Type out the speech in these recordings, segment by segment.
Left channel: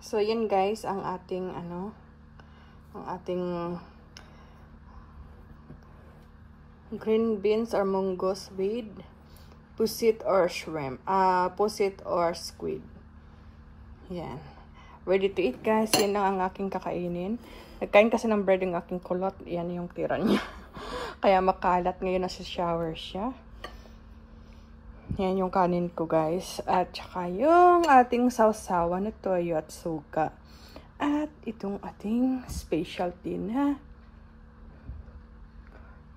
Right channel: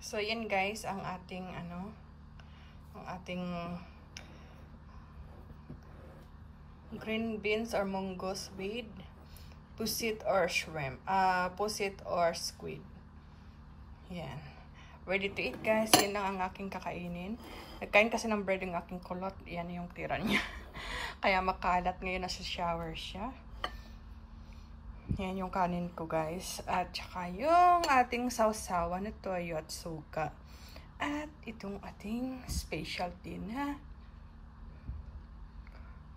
So, yun guys, ang ating, ang ating green beans or munggos with pusit or shrimp. Pusit or squid. Yan. Ready to eat guys. Yan lang ang aking kakainin. Nagkain kasi ng bread yung aking kulot. Yan yung tira niya. Kaya makalat. Ngayon nasa shower siya. Yan yung kanin ko guys. At saka yung ating sausawan na toyo at suka. At itong ating specialty na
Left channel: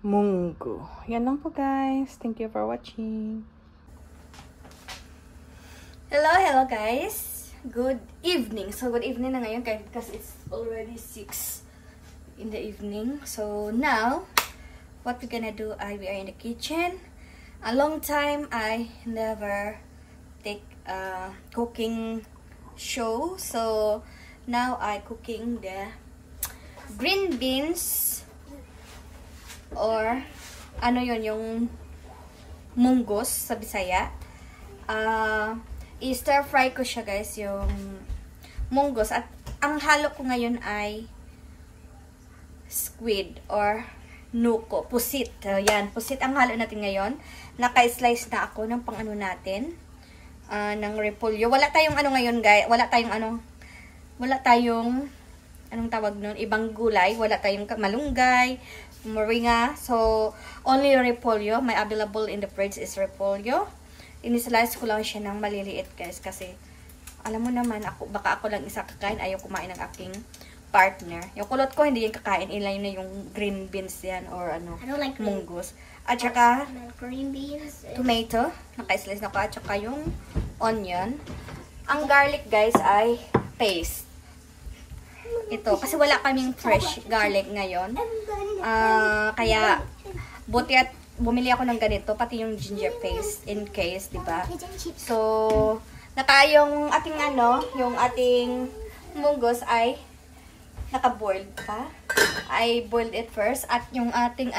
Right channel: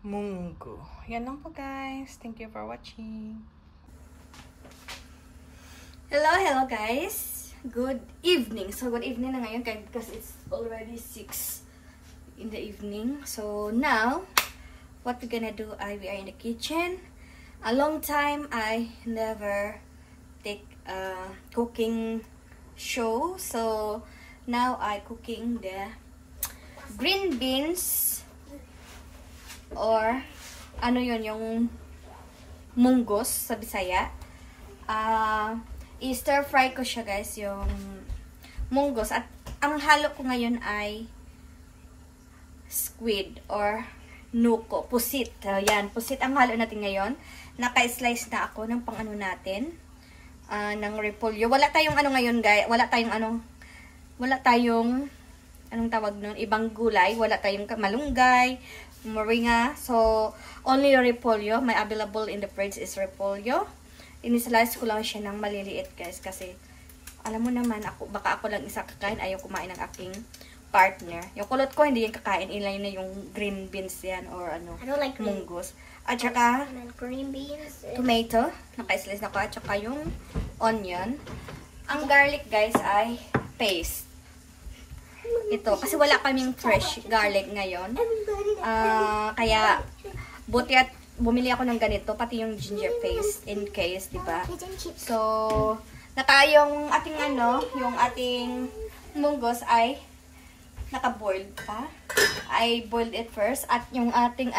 munggo. Yan lang po guys. Thank you for watching. Hello guys. Good evening. So good evening na ngayon because it's already 6 in the evening. So now, what we're gonna do, we are in the kitchen. A long time I never take a cooking show. So now I cooking the green beans or ano yun, yung munggos sa Bisaya. I-stir fry ko siya guys, yung munggos. At ang halo ko ngayon ay squid or nuko, pusit. Yan, pusit ang halo natin ngayon. Naka-slice na ako ng pang-ano natin, ng repolyo. Wala tayong ano ngayon guys, wala tayong anong tawag nun, ibang gulay. Wala tayong malunggay, moringa. So, only repolyo. My available in the fridge is repolyo. Inislice ko lang siya ng maliliit guys. Kasi, alam mo naman, baka ako lang isa kakain. Ayaw kumain ng aking partner. Yung kulot ko, hindi yan kakain. Ilan na yung green beans yan or ano, like munggos. At saka, green beans, tomato. Naka-slice na ko. At saka yung onion. Ang garlic guys ay paste. Ito, kasi wala kaming fresh garlic ngayon. Kaya, buti at bumili ako ng ganito, pati yung ginger paste, in case, diba? So, yung ating yung ating munggos ay naka-boiled pa. I boiled it first. At yung ating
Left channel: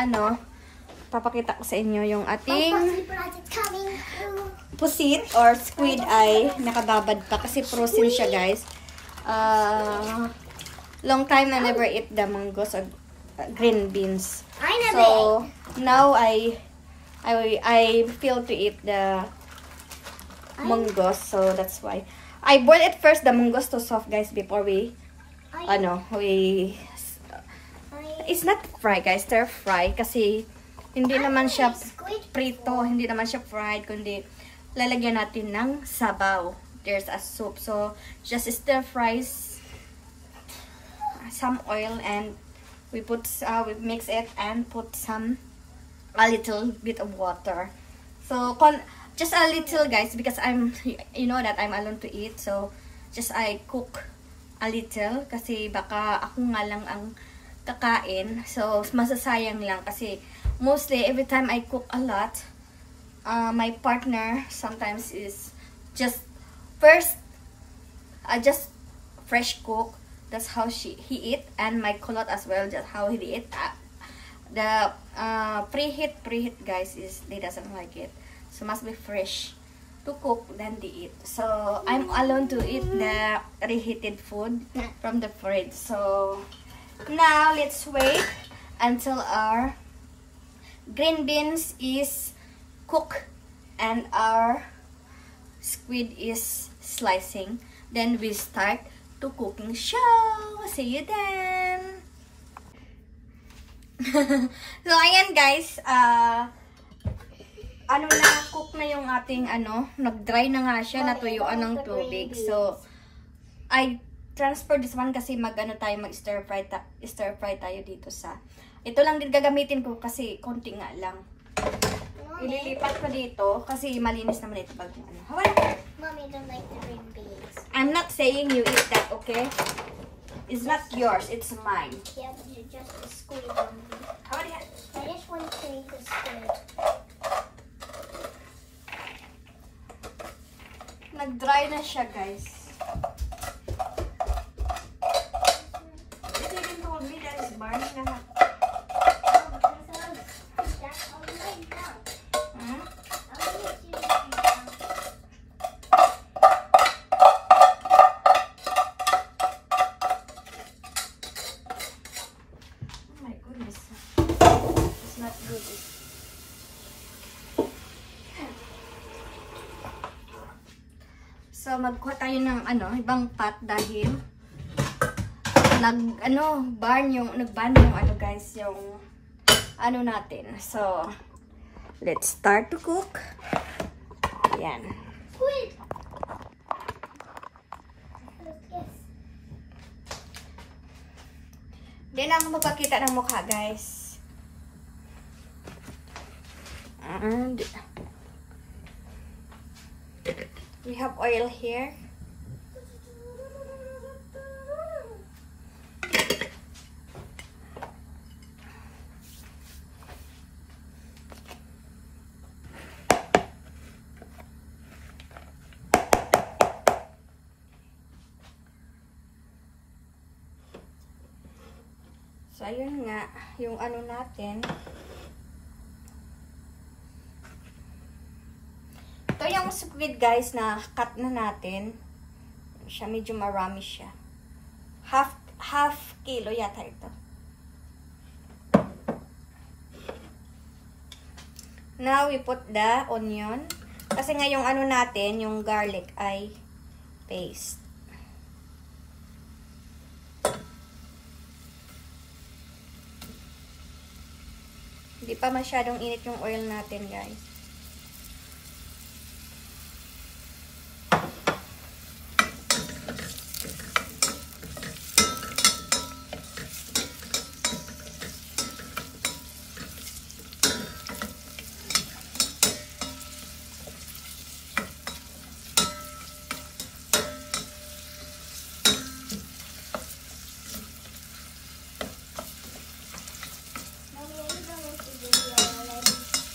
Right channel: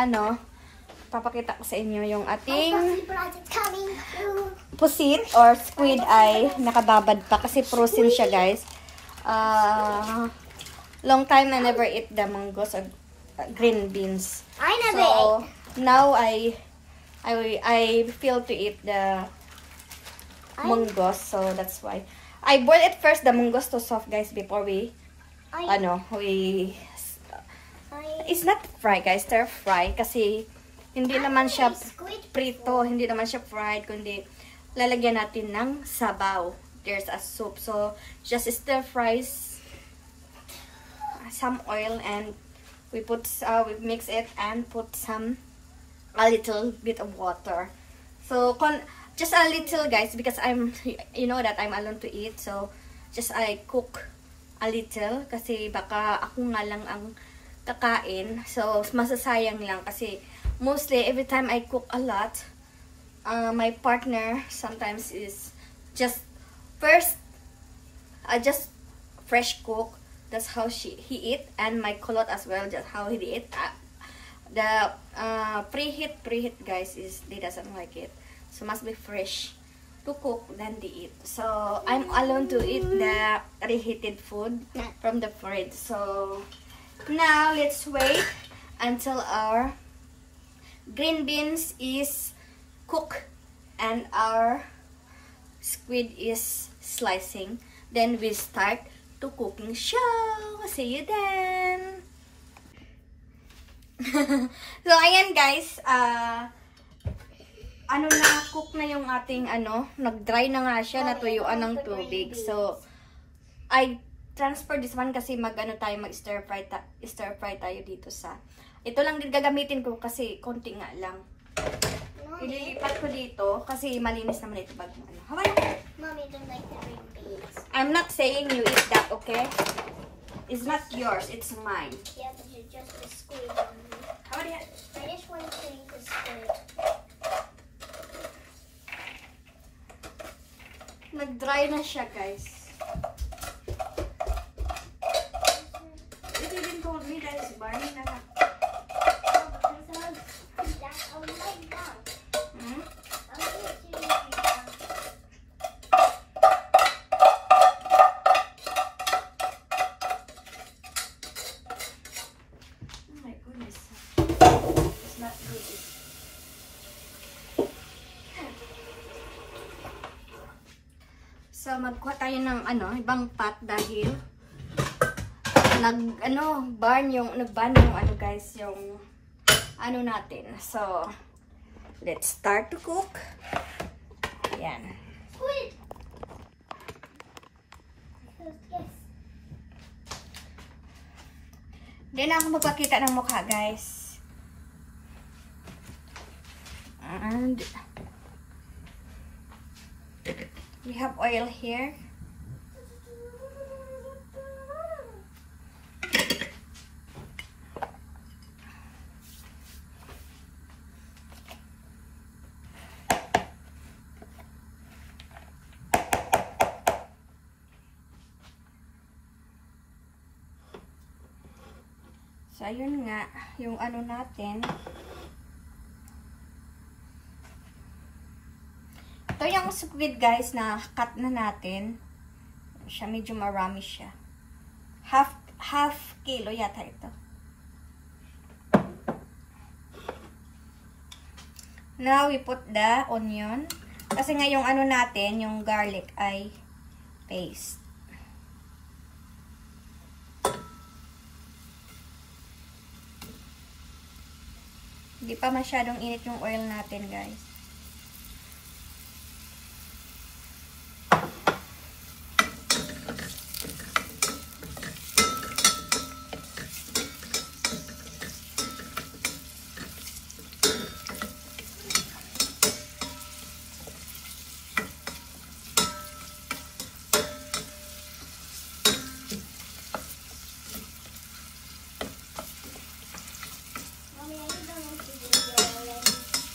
papakita ko sa inyo, yung ating pusit or squid ay nakababad pa kasi frozen siya guys. Long time I never eat the munggos or green beans. So now I feel to eat the munggos, so that's why I boil it first, the munggos to soft guys before it's not fry guys, stir fry kasi hindi naman siya prito, hindi naman siya fried, kundi lalagyan natin ng sabaw. There's a soup, so just stir fries some oil and we mix it and put a little bit of water. So just a little guys, because you know that I'm alone to eat, so just I cook a little kasi baka ako nga lang ang kakain, so masasayang lang kasi mostly every time I cook a lot, my partner sometimes is just fresh cook. That's how he eat, and my kulot as well, just how he eat. The preheat guys they doesn't like it, so must be fresh to cook then they eat. So I'm alone to eat the reheated food from the fridge. So now let's wait until our green beans is cooked and our squid is slicing. Then we start to cooking show. See you then. So ayan guys, cook na yung ating nag-dry na nga siya, natuyuan ng tubig. So I transfer this one kasi mag-stir fry tayo dito sa. Ito lang din gagamitin ko kasi konti nga lang. Ililipat ko dito kasi malinis naman ito pag Mommy don't like the green beans. I'm not saying you eat that, okay? It's not yours, it's mine. Yeah, but you just squid. I just want to eat the squid. Nag-dry na siya, guys. You didn't told me that it's burning na. kuha tayo ng ibang pot dahil nag-burn yung guys, yung natin. So, let's start to cook. Yan. Squid. Hindi na ako magpakita ng mukha, guys. And we have oil here. So, ayun nga, yung natin. Ito yung squid, guys, na cut na natin. Siya, medyo marami siya. Half kilo yata ito. Now, we put the onion. Kasi nga yung natin, yung garlic ay paste. Hindi pa masyadong init yung oil natin, guys.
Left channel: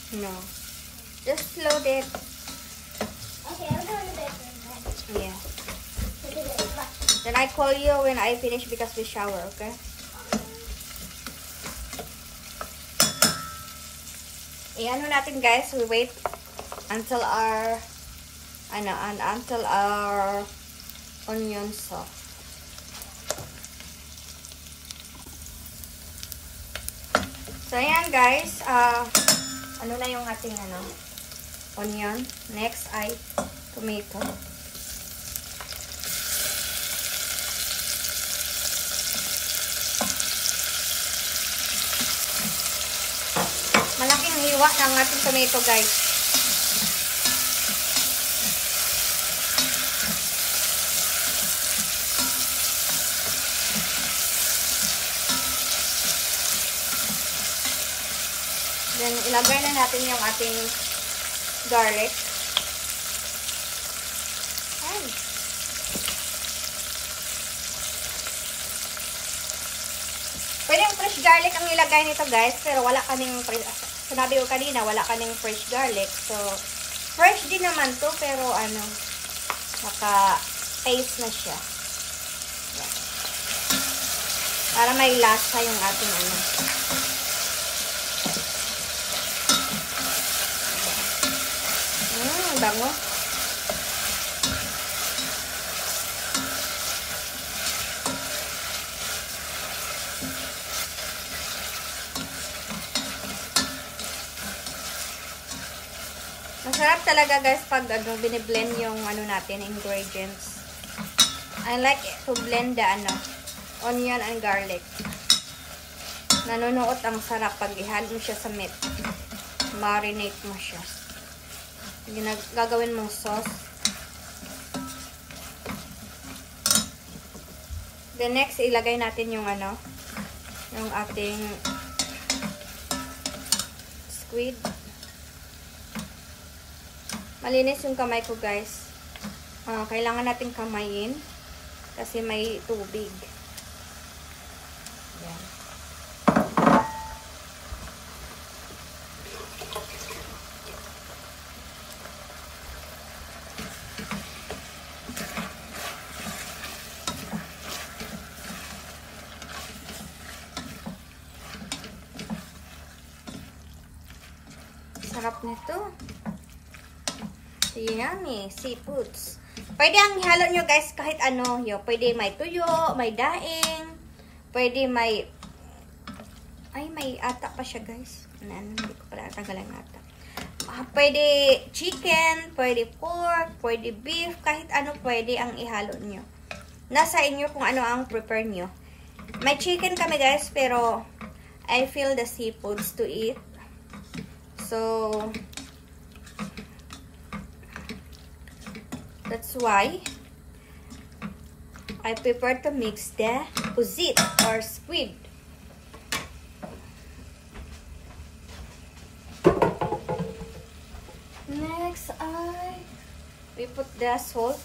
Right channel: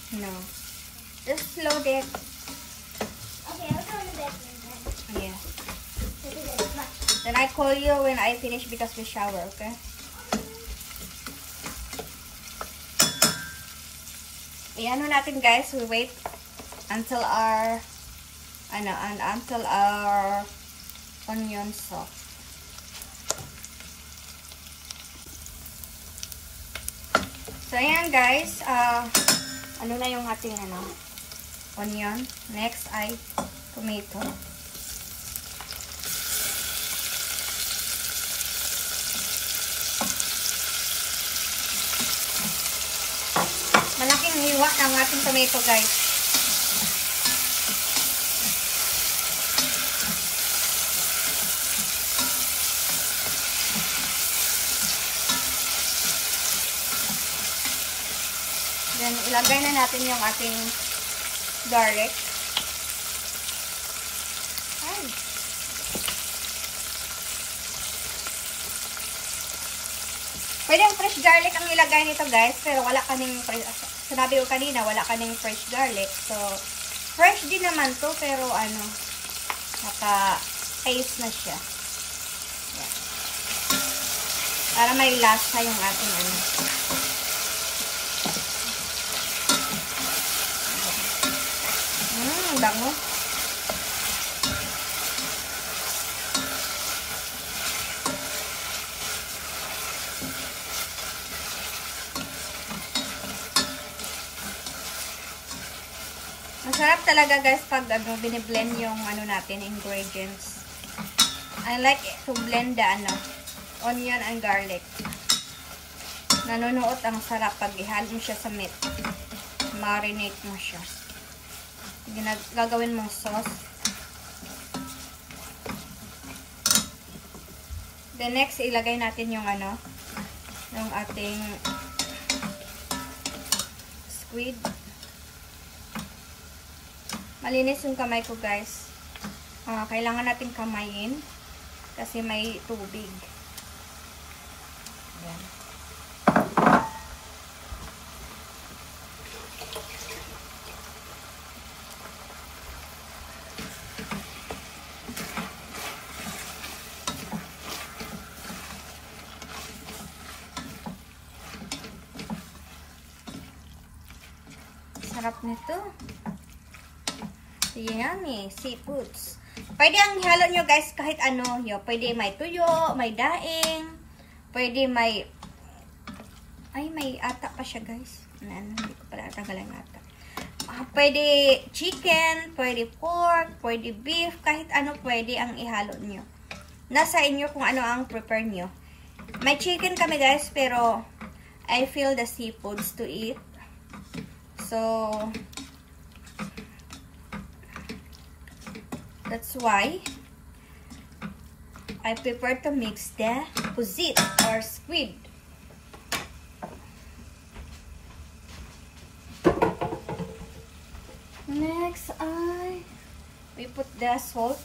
No. Just load it. Okay, I'll go to bed. Yeah. Then I call you when I finish because we shower, okay? Natin, guys, we wait until our onion soft. So ayan, guys, na yung ating onion. Next ay tomato. Malaking hiwa ng ating tomato, guys. Then, ilagay na natin yung ating garlic. Ay. Pwede yung fresh garlic ang ilagay nito, guys. Pero wala kaming, sinabi ko kanina, wala kaming fresh garlic. So, fresh din naman to, pero naka-taste na siya. Yan. Para may lasa yung ating bango. Masarap talaga, guys, pag biniblend yung natin, ingredients. I like to blend the onion and garlic. Nanonood ang sarap pag ihalo siya sa meat. Marinate mo siya. Gagawin mong sauce. Then next, ilagay natin yung yung ating squid. Malinis yung kamay ko, guys. Kailangan natin kamayin kasi may tubig. Yan. Sarap nito. Yummy, seafoods. Pwede ang ihalo nyo, guys, kahit pwede may tuyo, may daing, pwede may ata pa siya, guys. Hindi ko pala tagalan ata. Pwede chicken, pwede pork, pwede beef, kahit ano pwede ang ihalo nyo. Nasa inyo kung ano ang prepare nyo. May chicken kami guys, pero I feel the seafoods to eat. So, that's why I prefer to mix the pusit or squid. Next, we put the salt.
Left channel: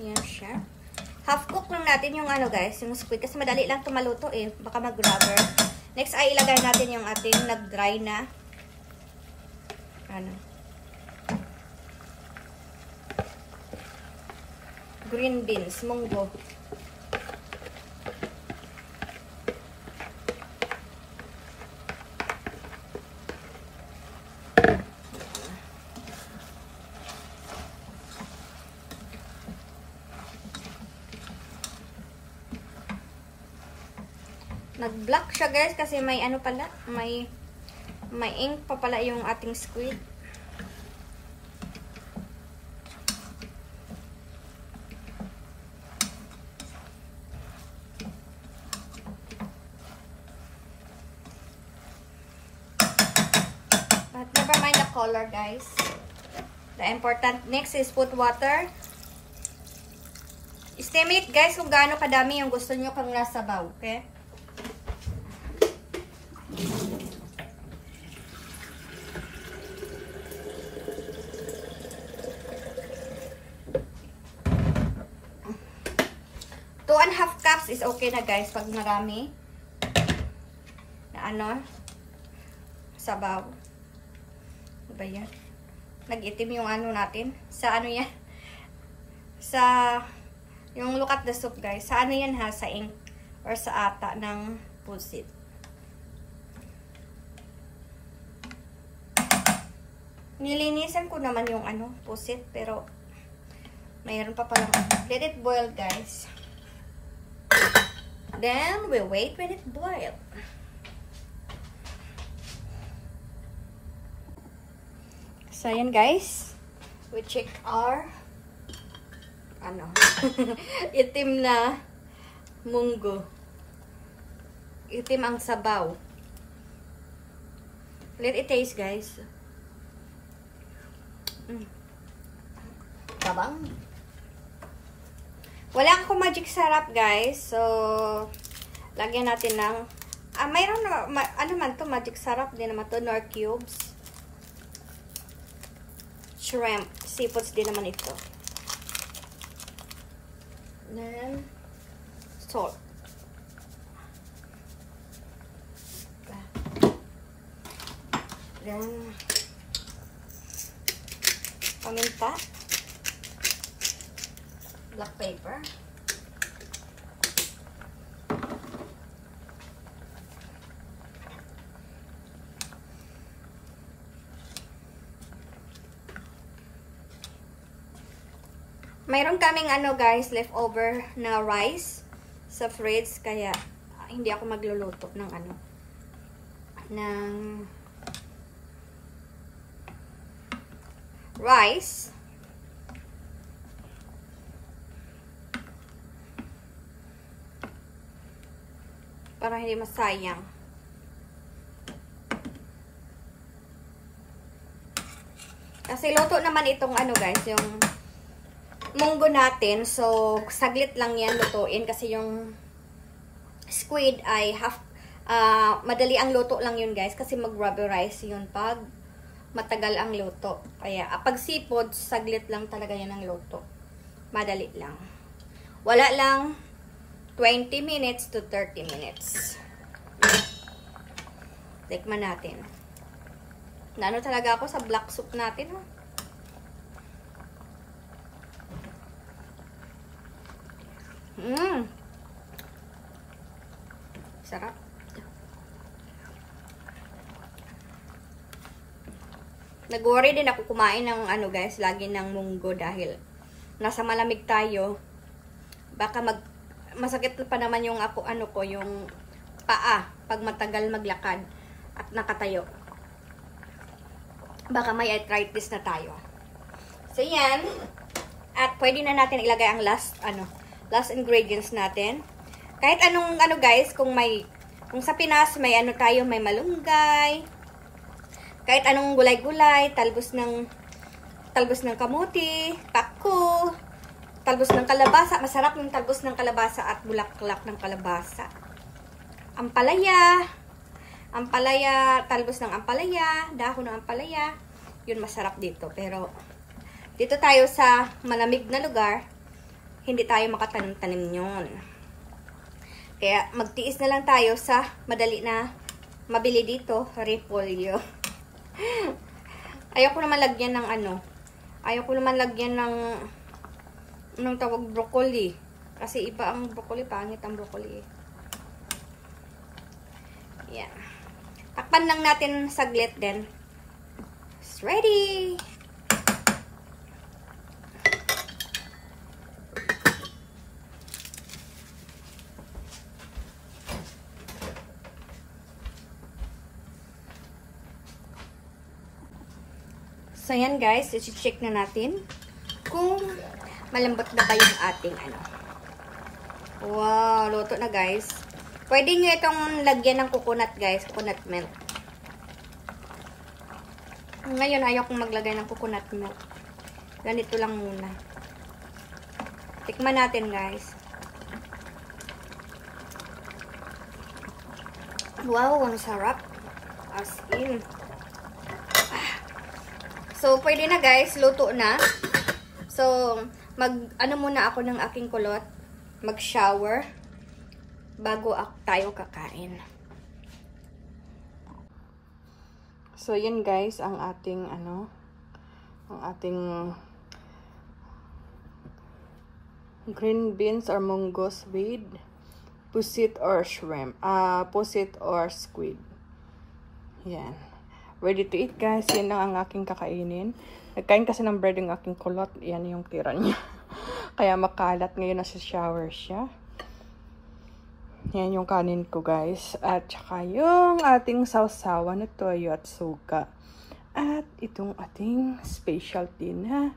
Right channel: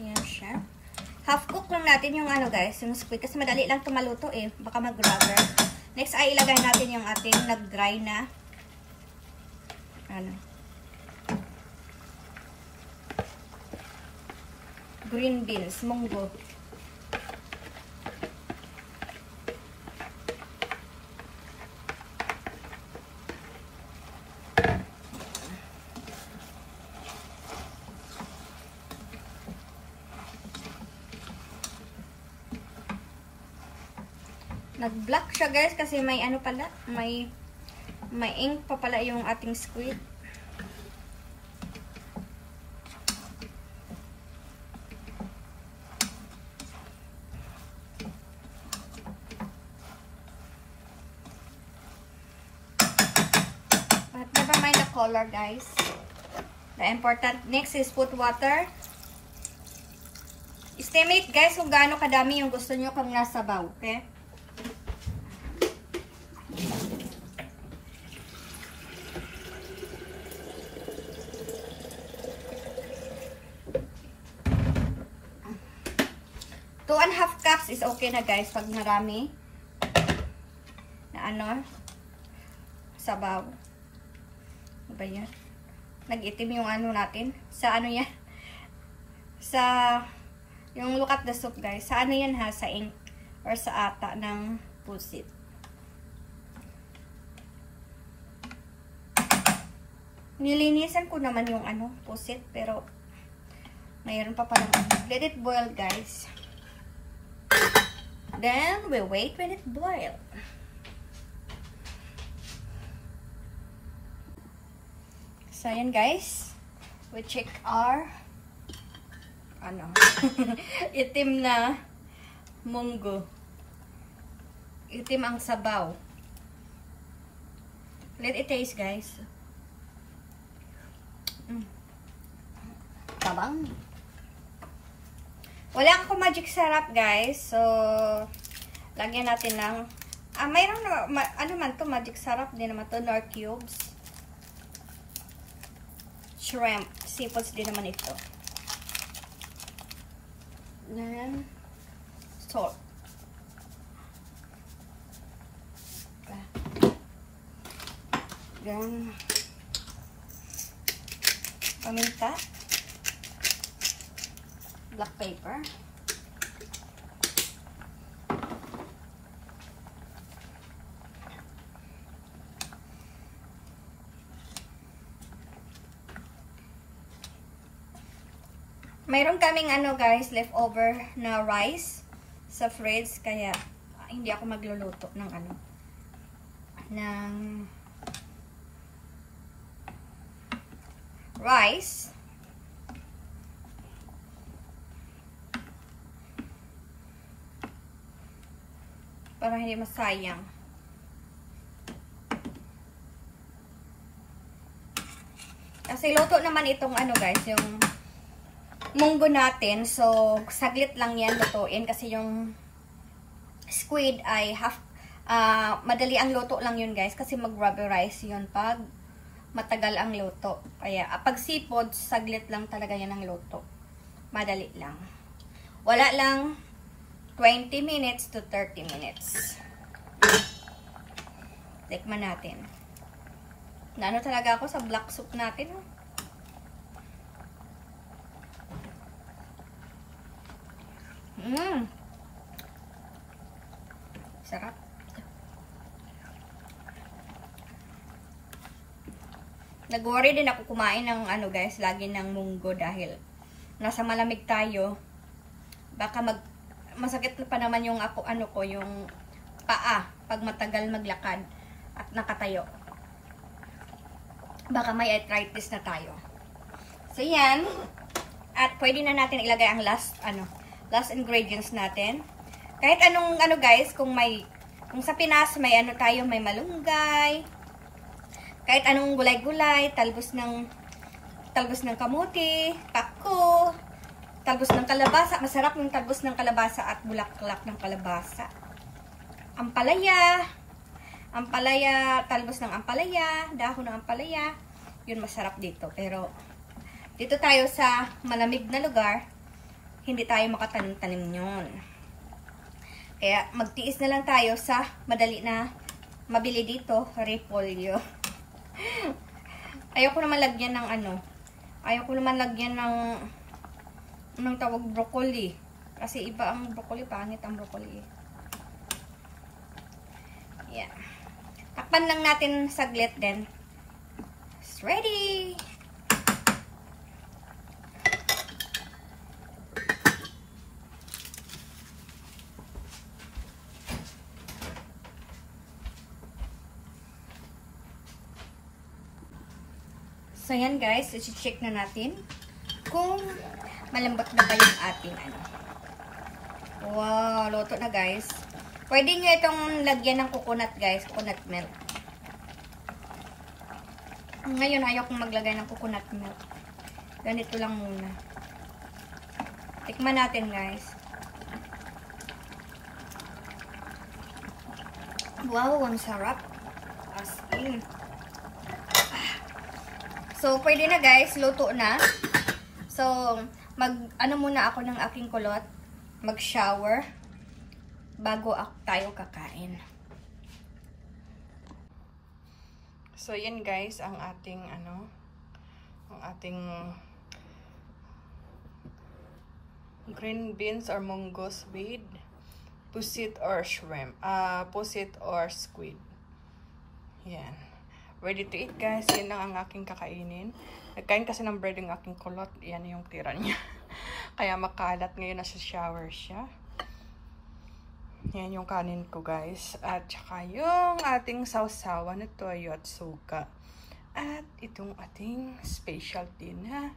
Yan siya. Half cook lang natin yung ano guys, yung squid. Kasi madali lang ito maluto eh. Baka mag-rubber. Next ay ilagay natin yung ating nag-dry na ano, green beans, munggo. Nag-black siya guys kasi may ano pala, may ink pa pala yung ating squid. But never mind the color guys. The important next is put water. Estimate guys kung gaano kadami yung gusto nyo kung nasa sabaw, okay? Two and a half cups is okay na guys pag marami na ano sabaw. Ano ba yan? Nag-itim yung ano natin sa ano yan, sa yung look at the soup guys, sa ano yan ha, sa ink or sa ata ng pusit. Nilinisan ko naman yung ano pusit pero mayroon pa palang. Let it boil guys. Then, we wait when it boils. So, yun guys. We check our ano, itim na munggo. Itim ang sabaw. Let it taste guys. Tabang. Wala akong magic syrup guys. So, lagyan natin ng mayroon na, ano man to, magic syrup din naman to, nor cubes. Shrimp. Seafoods din naman ito. Then, salt. Then, paminta. Black pepper. Mayroon kaming ano guys, leftover na rice sa fridge, kaya hindi ako magluluto ng ano, ng rice. Para hindi masayang. Kasi luto naman itong ano guys, yung munggo natin. So, saglit lang yan lutuin kasi yung squid ay madali ang luto lang yun guys. Kasi mag-rubberize yun pag matagal ang luto. Kaya, pag seafood, saglit lang talaga yan ang luto. Madali lang. Wala lang 20 minutes to 30 minutes. Tikman natin. Naano talaga ako sa black soup natin. Sarap. Nag-worry din ako kumain ng ano guys, lagi ng munggo dahil nasa malamig tayo. Baka masakit pa naman yung yung paa pag matagal maglakad at nakatayo. Baka may arthritis na tayo. So yan. At pwede na natin ilagay ang last ingredients natin. Kahit anong guys, kung sa Pinas may tayo, may malunggay, kahit anong gulay-gulay, talbos ng kamuti, pako, talbos ng kalabasa. Masarap yung talbos ng kalabasa at bulaklak ng kalabasa. Ampalaya, talbos ng ampalaya, dahon ng ampalaya. Yun masarap dito. Pero dito tayo sa malamig na lugar, hindi tayo makatanim-tanim yun. Kaya magtiis na lang tayo sa madali na mabili dito, repolyo. Ayoko naman lagyan ng ng tawag broccoli. Kasi iba ang broccoli, pangit ang broccoli. Yeah. Takpan lang natin saglit din. It's ready! So, yan guys, i-check na natin kung malambot na ba yung ating Wow, luto na guys. Pwede nyo itong lagyan ng coconut guys, coconut milk. Ngayon, ayaw kong maglagay ng coconut milk. Ganito lang muna. Tikman natin guys. Wow, ang sarap. As in. So, pwede na guys, luto na. So, muna ako ng aking kulot. Mag-shower. Bago tayo kakain. So, yun guys, ang ating, green beans or mungo's with pusit or shrimp. Pusit or squid. Yan. Ready to eat guys. Yan lang ang aking kakainin. Nagkain kasi ng bread yung aking kulot. Yan yung tira niya. Kaya makalat. Ngayon nasa shower siya. Yan yung kanin ko guys. At saka yung ating sausawa na toyo at suka. At itong ating specialty na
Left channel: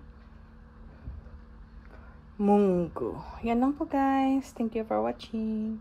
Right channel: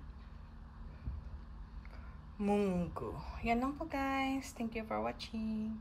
munggo. Yan lang po guys. Thank you for watching.